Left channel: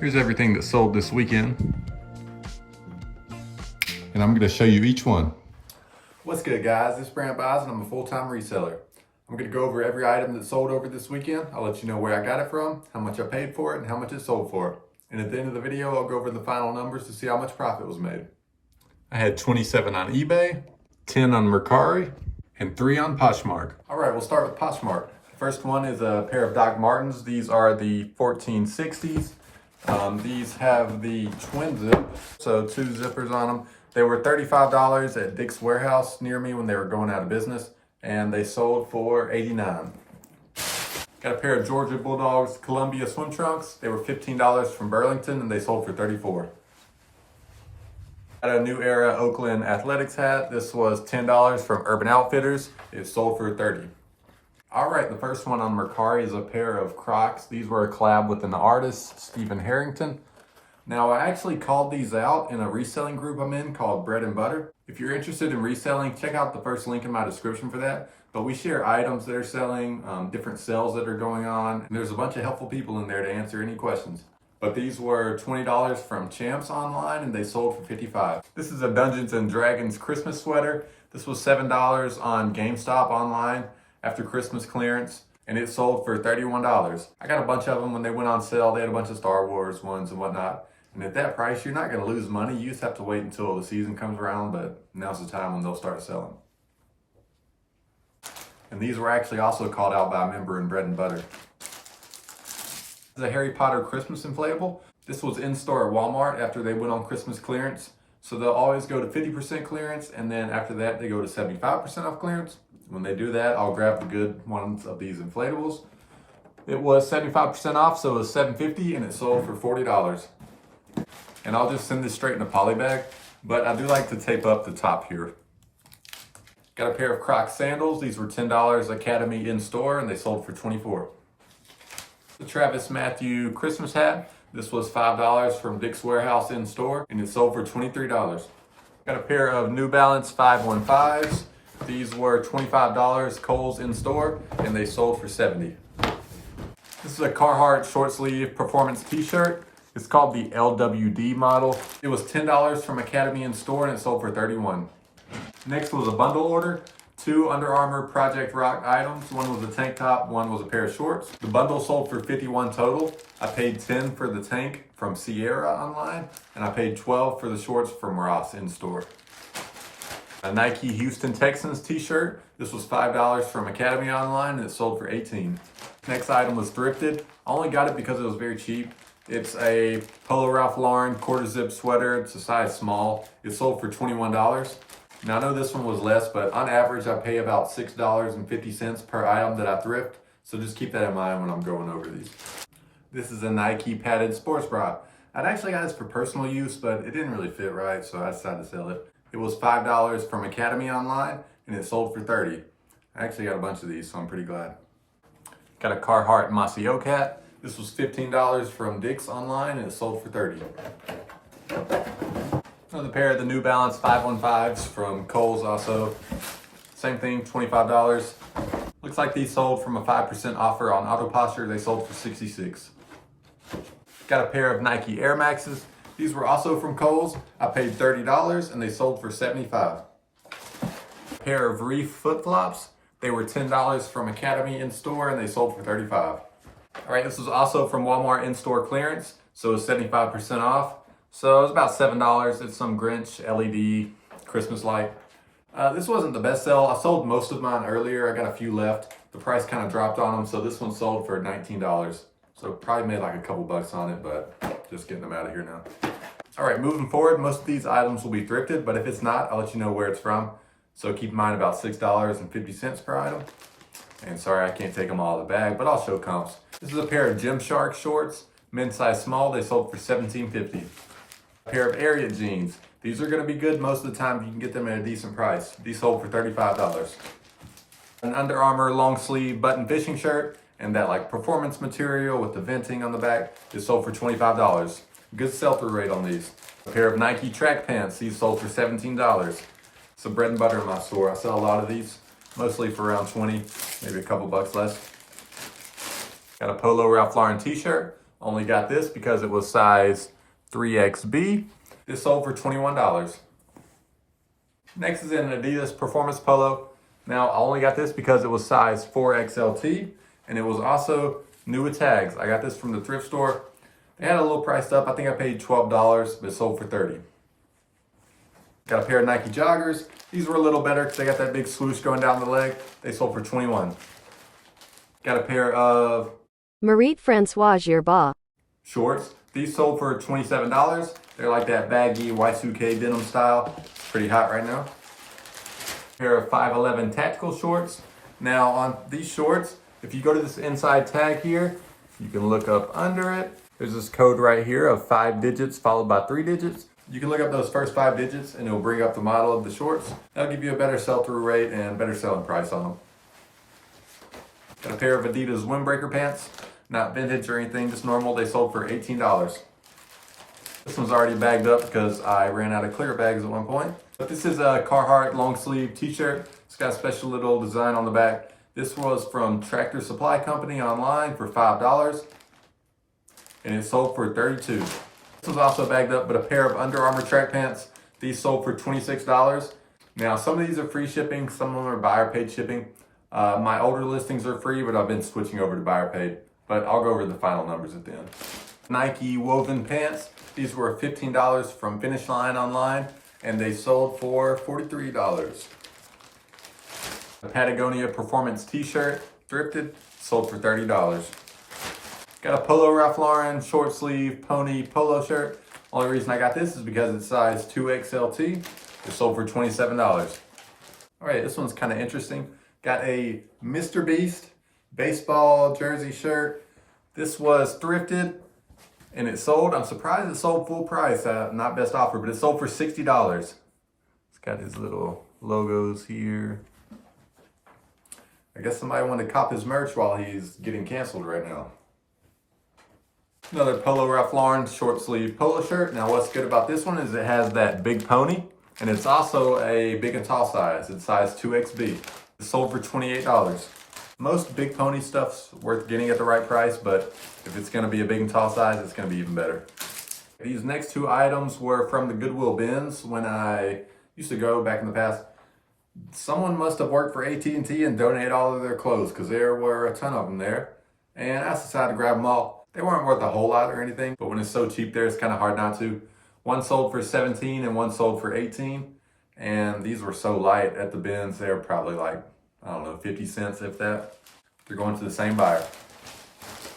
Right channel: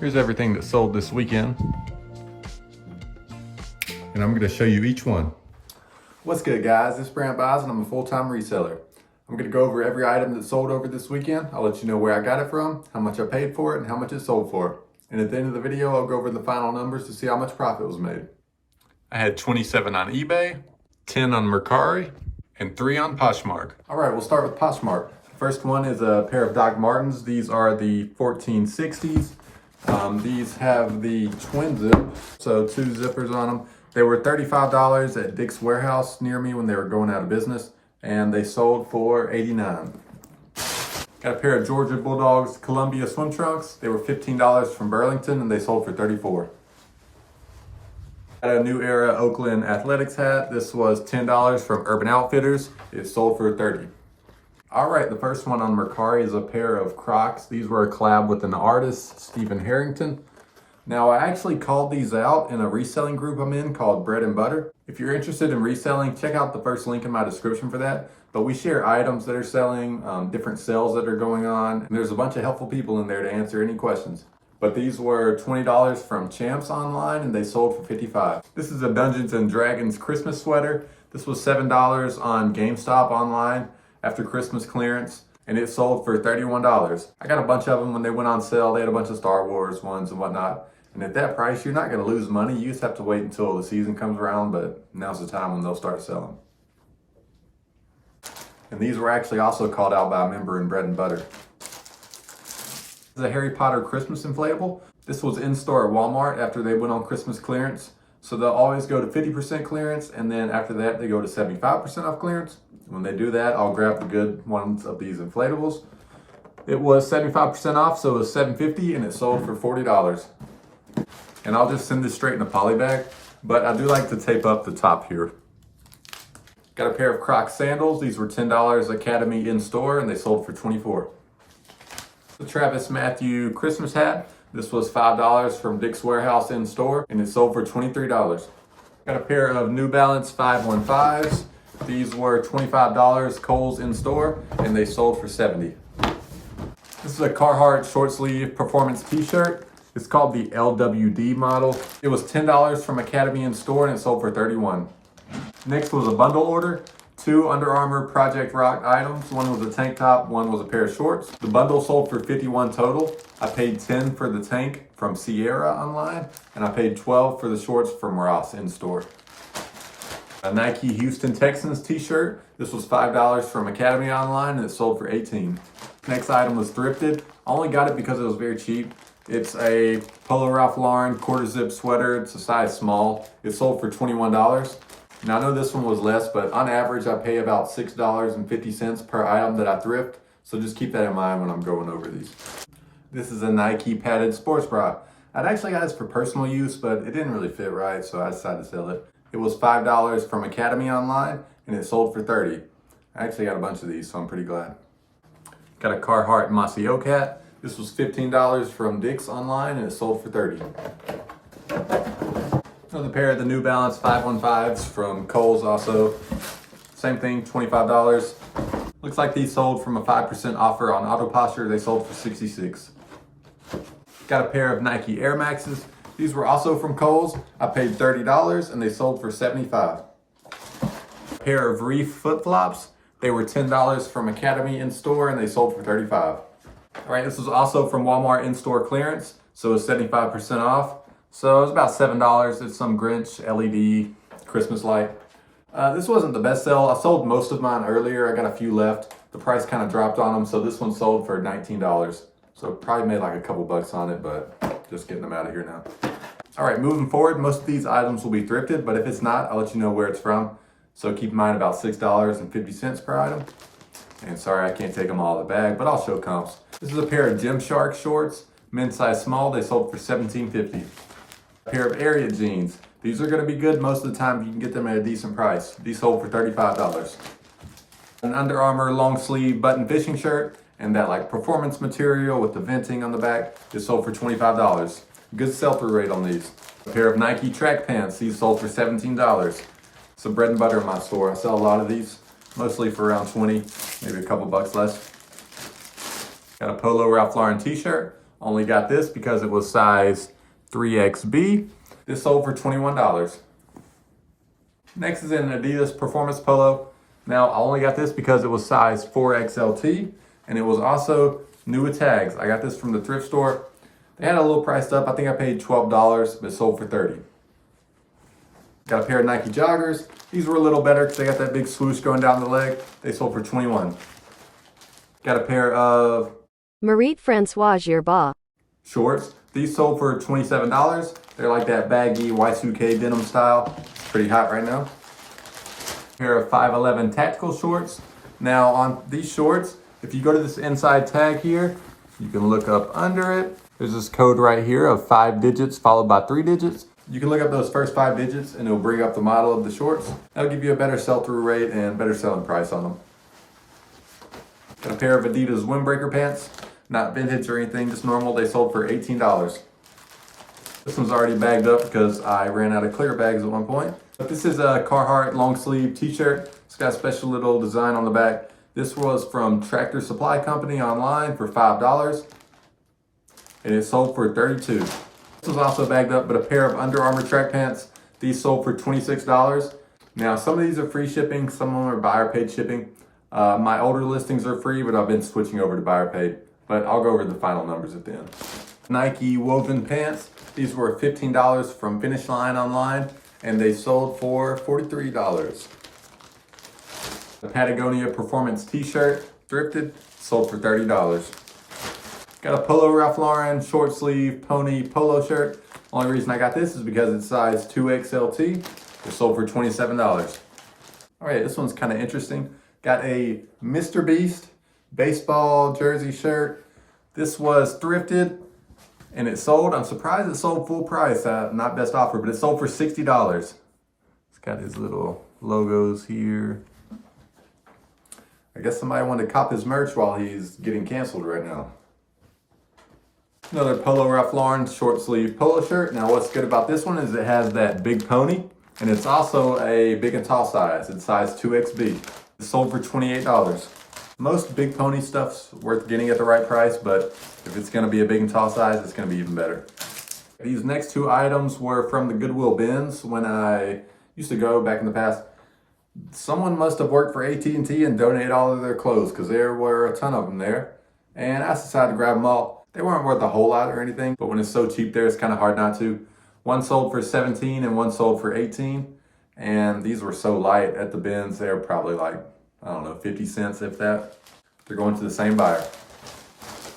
Here's everything that sold this weekend, and I'm going to show you each one. What's good, guys? This is Brant Buys and I'm a full-time reseller. I'm going to go over every item that sold over this weekend. I'll let you know where I got it from, how much I paid for it, and how much it sold for. And at the end of the video, I'll go over the final numbers to see how much profit was made. I had 27 on eBay, 10 on Mercari, and 3 on Poshmark. All right, we'll start with Poshmark. The first one is a pair of Doc Martens. These are the 1460s. These have the twin zip, so 2 zippers on them. They were $35 at Dick's Warehouse near me when they were going out of business, and they sold for $89. Got a pair of Georgia Bulldogs Columbia swim trunks. They were $15 from Burlington, and they sold for $34. Got a New Era Oakland Athletics hat. This was $10 from Urban Outfitters. It sold for $30. All right, the first one on Mercari is a pair of Crocs. These were a collab with an artist, Stephen Harrington. Now, I actually called these out in a reselling group I'm in called Bread and Butter. If you're interested in reselling, check out the first link in my description for that. But we share items that are selling, different sales that are going on, and there's a bunch of helpful people in there to answer any questions. But these were $20 from Champs online, and they sold for $55. This is a Dungeons and Dragons Christmas sweater. This was $7 on GameStop online after Christmas clearance, and it sold for $31. I got a bunch of them when they went on sale. They had a bunch of Star Wars ones and whatnot. And at that price, you're not going to lose money. You just have to wait until the season comes around, but now's the time when they'll start selling. And these were actually also called out by a member in Bread and Butter. This is a Harry Potter Christmas inflatable. This was in store at Walmart after they went on Christmas clearance. So they'll always go to 50% clearance, and then after that, they go to 75% off clearance. When they do that, I'll grab the good ones of these inflatables. It was 75% off, so it was $7.50, and it sold for $40. And I'll just send this straight in a poly bag, but I do like to tape up the top here. Got a pair of Crocs sandals. These were $10 Academy in store, and they sold for $24. The Travis Matthew Christmas hat. This was $5 from Dick's Warehouse in store, and it sold for $23. Got a pair of New Balance 515s. These were $25 Kohl's in store, and they sold for $70. This is a Carhartt short sleeve performance t-shirt. It's called the LWD model. It was $10 from Academy in store, and it sold for $31. Next was a bundle order. 2 Under Armour Project Rock items. One was a tank top, one was a pair of shorts. The bundle sold for $51 total. I paid $10 for the tank from Sierra online, and I paid $12 for the shorts from Ross in store. A Nike Houston Texans t-shirt. This was $5 from Academy online, and it sold for $18. Next item was thrifted. I only got it because it was very cheap. It's a Polo Ralph Lauren quarter zip sweater. It's a size small. It sold for $21. Now I know this one was less, but on average I pay about $6.50 per item that I thrift. So just keep that in mind when I'm going over these. This is a Nike padded sports bra. I'd actually got this for personal use, but it didn't really fit right, so I decided to sell it. It was $5 from Academy online, and it sold for $30. I actually got a bunch of these, so I'm pretty glad. Got a Carhartt Mossy Oak hat. This was $15 from Dick's online, and it sold for $30. Another pair of the New Balance 515s from Kohl's also. Same thing, $25. Looks like these sold from a 5% offer on Auto Posture. They sold for $66. Got a pair of Nike Air Maxes. These were also from Kohl's. I paid $30, and they sold for $75. A pair of Reef flip-flops. They were $10 from Academy in store, and they sold for $35. All right, this was also from Walmart in-store clearance, so it was 75% off. So it was about $7. It's some Grinch LED Christmas light. This wasn't the best sell. I sold most of mine earlier. I got a few left. The price kind of dropped on them, so this one sold for $19. So probably made like a couple bucks on it, but just getting them out of here now. All right, moving forward, most of these items will be thrifted, but if it's not, I'll let you know where it's from. So keep in mind about $6.50 per item. And sorry, I can't take them all in the bag, but I'll show comps. This is a pair of Gymshark shorts, men's size small. They sold for $17.50. A pair of Ariat jeans. These are gonna be good most of the time. You can get them at a decent price. These sold for $35. An Under Armour long sleeve button fishing shirt and that like performance material with the venting on the back. It sold for $25. Good sell-through rate on these. A pair of Nike track pants. These sold for $17. Some bread and butter in my store. I sell a lot of these, mostly for around 20, maybe a couple bucks less. Got a Polo Ralph Lauren t-shirt. Only got this because it was size 3XB. This sold for $21. Next is an Adidas Performance Polo. Now, I only got this because it was size 4XLT, and it was also new with tags. I got this from the thrift store. They had it a little priced up. I think I paid $12, but it sold for $30. Got a pair of Nike joggers. These were a little better because they got that big swoosh going down the leg. They sold for $21. Got a pair of Marie-Francois Gerba shorts. These sold for $27. They're like that baggy Y2K denim style. Pretty hot right now. Pair of 511 tactical shorts. Now on these shorts, if you go to this inside tag here, you can look up under it. There's this code right here of 5 digits followed by 3 digits. You can look up those first 5 digits and it'll bring up the model of the shorts. That'll give you a better sell-through rate and better selling price on them. Got a pair of Adidas windbreaker pants. Not vintage or anything, just normal. They sold for $18. This one's already bagged up because I ran out of clear bags at one point. But this is a Carhartt long sleeve t-shirt. It's got a special little design on the back. This was from Tractor Supply Company online for $5. And it sold for $32. This was also bagged up, but a pair of Under Armour track pants. These sold for $26. Now, some of these are free shipping. Some of them are buyer paid shipping. My older listings are free, but I've been switching over to buyer paid. But I'll go over the final numbers at the end. Nike woven pants. These were $15 from Finish Line online, and they sold for $43. The Patagonia Performance t-shirt, thrifted, sold for $30. Got a Polo Ralph Lauren short sleeve pony polo shirt. Only reason I got this is because it's size 2XLT. It sold for $27. All right, this one's kind of interesting. Got a Mr. Beast baseball jersey shirt. This was thrifted and it sold. I'm surprised it sold full price. Not best offer, but it sold for $60. It's got his little logos here. I guess somebody wanted to cop his merch while he's getting canceled right now. Another Polo Ralph Lauren short sleeve polo shirt. Now what's good about this one is it has that big pony, and it's also a big and tall size. It's size 2XB. It sold for $28. Most big pony stuff's worth getting at the right price, but if it's gonna be a big and tall size, it's gonna be even better. These next 2 items were from the Goodwill bins when I used to go back in the past. Someone must have worked for AT&T and donated all of their clothes because there were a ton of them there. And I decided to grab them all. They weren't worth a whole lot or anything, but when it's so cheap there, it's kind of hard not to. One sold for $17 and one sold for $18. And these were so light at the bins, they were probably like, I don't know, 50 cents if that. They're going to the same buyer.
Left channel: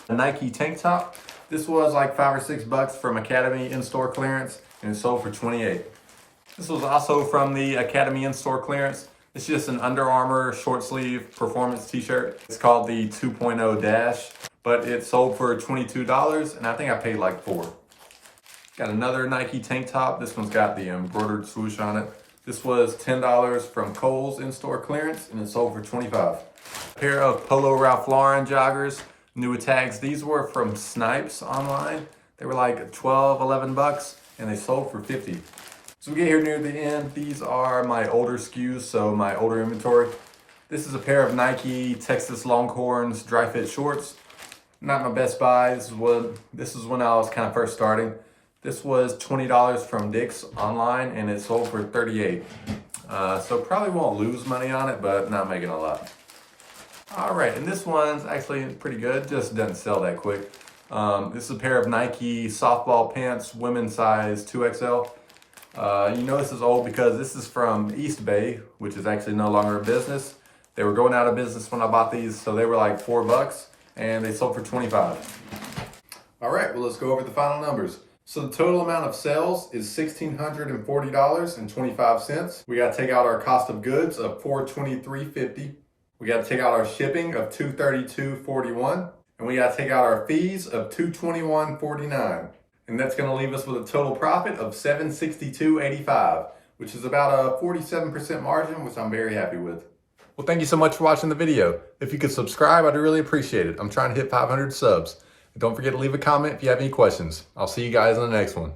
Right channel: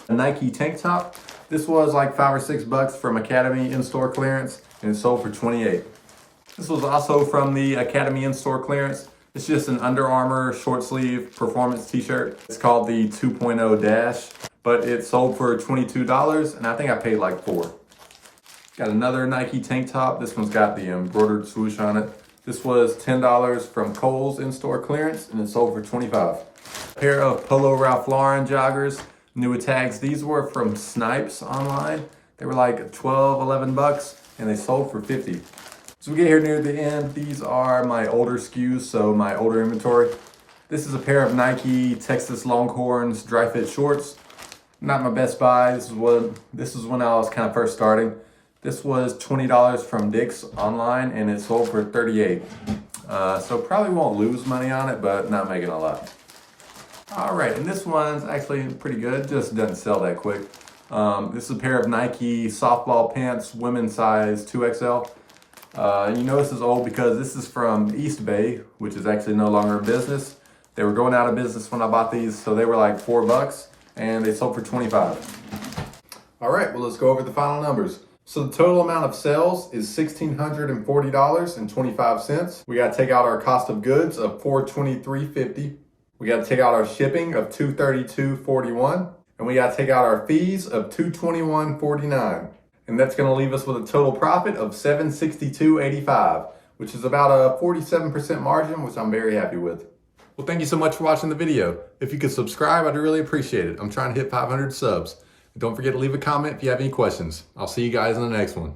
A Nike tank top. This was like $5 or $6 from Academy in-store clearance, and it sold for $28. This was also from the Academy in-store clearance. It's just an Under Armour short sleeve performance t-shirt. It's called the 2.0 Dash, but it sold for $22, and I think I paid like $4. Got another Nike tank top. This one's got the embroidered swoosh on it. This was $10 from Kohl's in-store clearance, and it sold for $25. A pair of Polo Ralph Lauren joggers, new with tags. These were from Snipes online. They were like $12, $11, and they sold for $50. So we get here near the end. These are my older SKUs, so my older inventory. This is a pair of Nike Texas Longhorns dry fit shorts. Not my best buy. This is when I was kind of first starting. This was $20 from Dick's online, and it sold for $38. So probably won't lose money on it, but not making a lot. All right, and this one's actually pretty good. Just doesn't sell that quick. This is a pair of Nike softball pants, women's size 2XL. You know this is old because this is from eBay, which is actually no longer a business. They were going out of business when I bought these, so they were like $4, and they sold for $25. All right, well, let's go over the final numbers. So the total amount of sales is $1,640.25. We got to take out our cost of goods of $423.50. We got to take out our shipping of $232.41. And we got to take out our fees of $221.49. And that's going to leave us with a total profit of $762.85, which is about a 47% margin, which I'm very happy with. Well, thank you so much for watching the video. If you could subscribe, I'd really appreciate it. I'm trying to hit 500 subs. And don't forget to leave a comment if you have any questions. I'll see you guys in the next one.